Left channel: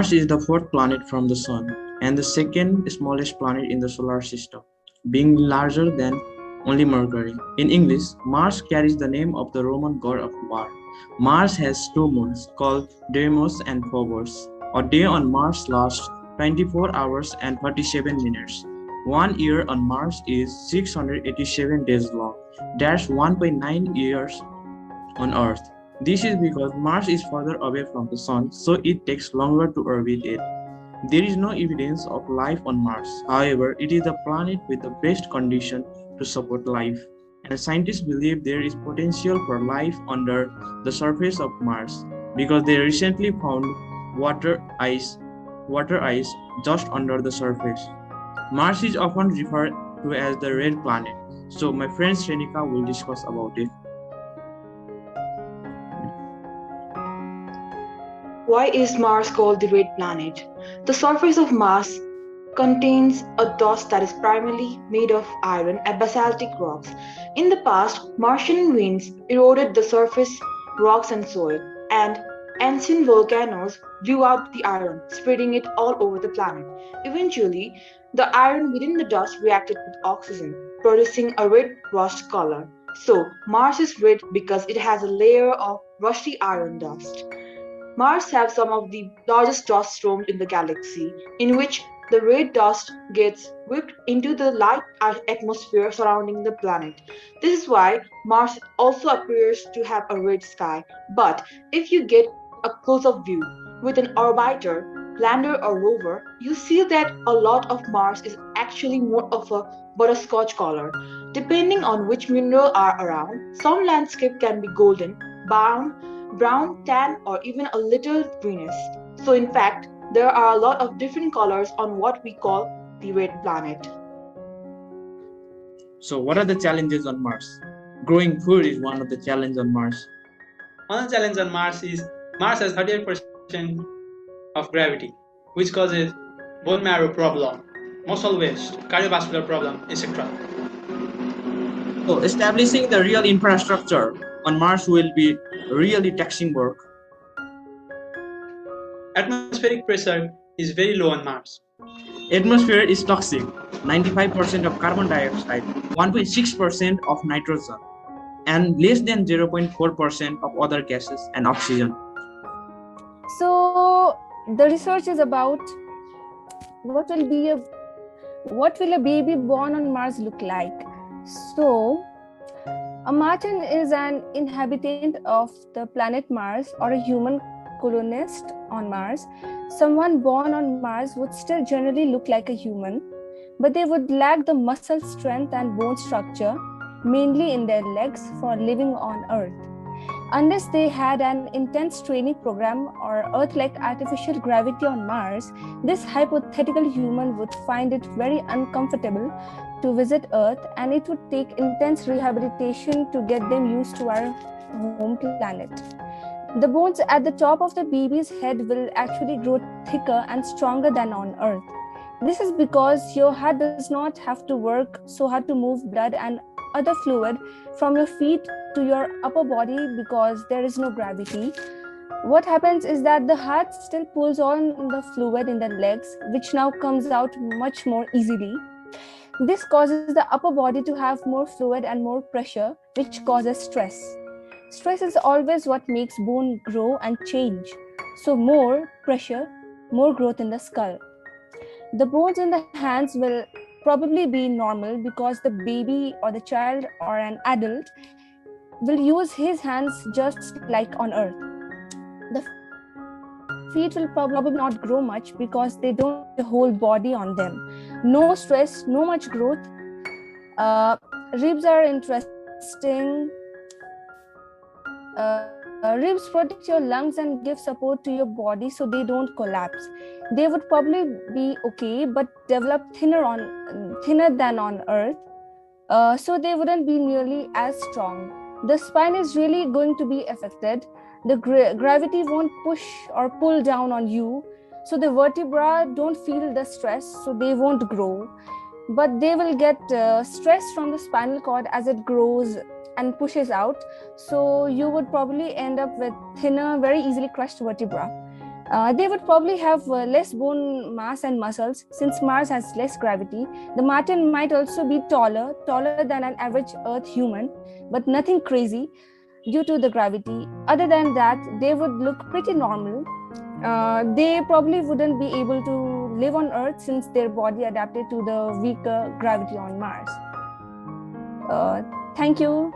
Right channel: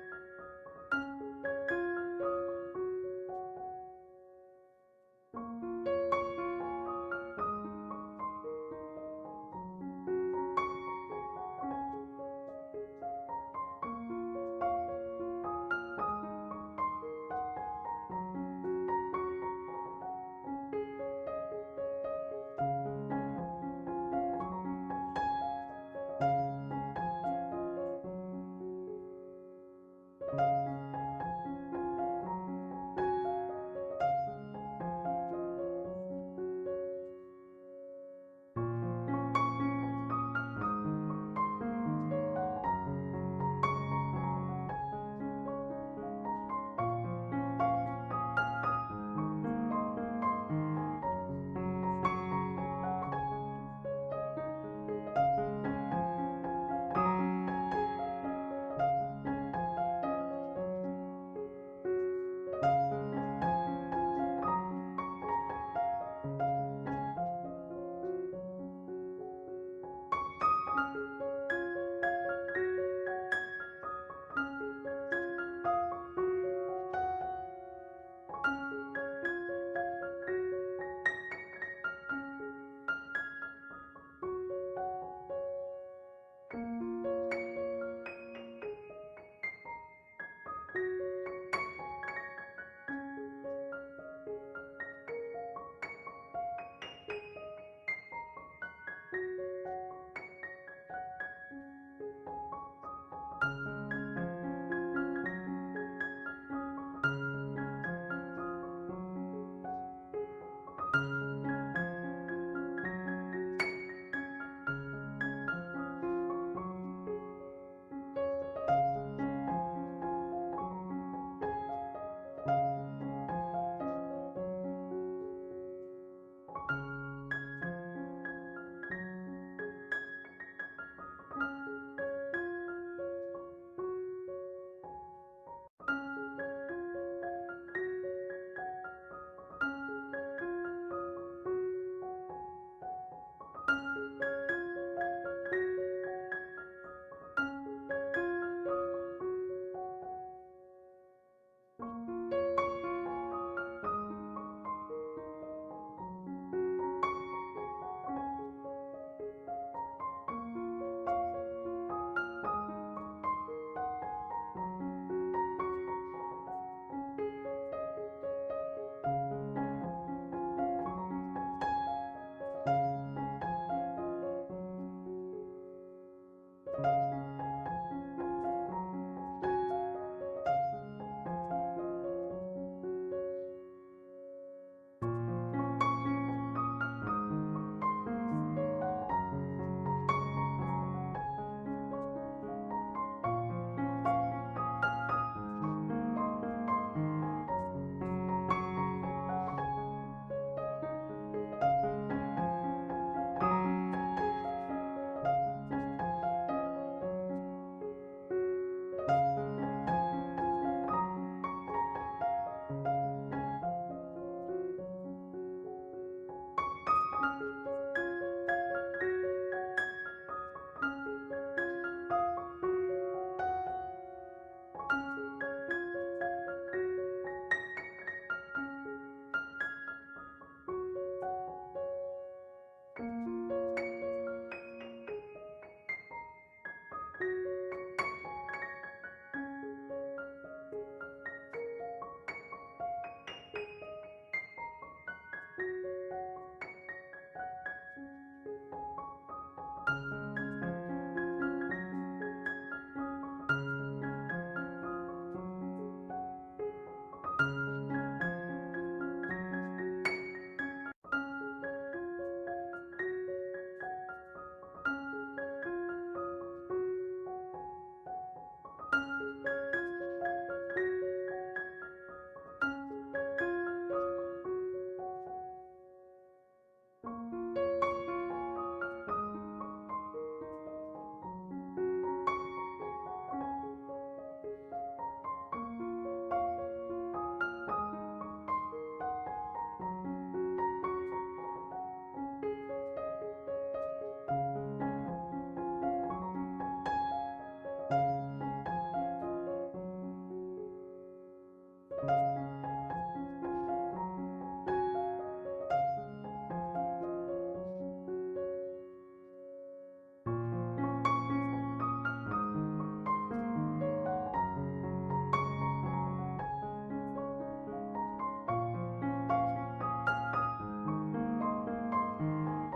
Mars is the fourth planet from the Sun and the second smallest planet in the solar system, being larger than only Mercury. In English, Mars carries the name of the Roman god of war. Mars has two moons called Deimos and Phobos. A day on Mars lasts 24 hours and 37 minutes. 1 year on Mars is 687 days long. That's 1.9 years on Earth. This is because Mars is further away from the Sun, so it takes longer to orbit it. There is no evidence of life on Mars. However, it is the planet with the best condition to support life, and scientists believe there is potential for life under the surface of Mars because they recently found water ice, water ice just under the surface. Mars is often referred to as the red planet. So my friend Shrenika will discuss about it. Why is Mars called the red planet? The surface of Mars contains a dust that is primarily made of iron and basaltic rocks. In the past, Martian winds eroded the surface rocks and soil, and ancient volcanoes blew out the iron, spreading it all over the planet. Eventually, the iron within the dust reacted with oxygen, producing a red rust color. So, Mars is red because it has a layer of rusty iron dust. Mars has some of the largest dust storms in the galaxy, in which the red dust gets whipped into the light atmosphere surrounding the planet. This is why Mars also appears to have a red sky. But if you get a close up view with an orbiter, lander, or rover, you see that a lot of Mars is actually more of a butterscotch color. Depending on which mineral are around, some landscape can be golden, brown, tan, or even a little greenish. So, in fact, there are a lot of different colors on what we call the red planet. So what are the challenges on Mars? Growing food is one of the challenges on Mars. One challenge on Mars is Mars has 38% of gravity, which causes bone marrow problem, muscle waste, cardiovascular problem, etc. So establishing the real infrastructure on Mars will be really taxing work. Atmospheric pressure is very low on Mars. Atmosphere is toxic. 95% of carbon dioxide, 1.6% of nitrogen, and less than 0.4% of other gases and oxygen. So the research is about what will a baby born on Mars look like. So a Martian is an inhabitant of the planet Mars or a human colonist on Mars. Someone born on Mars would still generally look like a human, but they would lack the muscle strength and bone structure, mainly in their legs, for living on Earth. Unless they had an intense training program or Earth-like artificial gravity on Mars, this hypothetical human would find it very uncomfortable to visit Earth, and it would take intense rehabilitation to get them used to our home planet. The bones at the top of the baby's head will actually grow thicker and stronger than on Earth. This is because your heart does not have to work so hard to move blood and other fluid from your feet to your upper body because there is no gravity. What happens is that the heart still pulls on the fluid in the legs, which now comes out much more easily. This causes the upper body to have more fluid and more pressure, which causes stress. Stress is always what makes bone grow and change. So more pressure, more growth in the skull. The bones in the hands will probably be normal because the baby or the child or an adult will use his hands just like on Earth. The feet will probably not grow much because they don't have the whole body on them. No stress, no much growth. Ribs are interesting. Ribs protect your lungs and give support to your body so they don't collapse. They would probably be okay, but develop thinner than on Earth, so they wouldn't be nearly as strong. The spine is really going to be affected. The gravity won't push or pull down on you, so the vertebra don't feel the stress, so they won't grow. But they will get stress from the spinal cord as it grows and pushes out, so you would probably end up with thinner, very easily crushed vertebra. They would probably have less bone mass and muscles since Mars has less gravity. The Martian might also be taller than an average Earth human, but nothing crazy due to the gravity. Other than that, they would look pretty normal. They probably wouldn't be able to live on Earth since their body adapted to the weaker gravity on Mars. Thank you.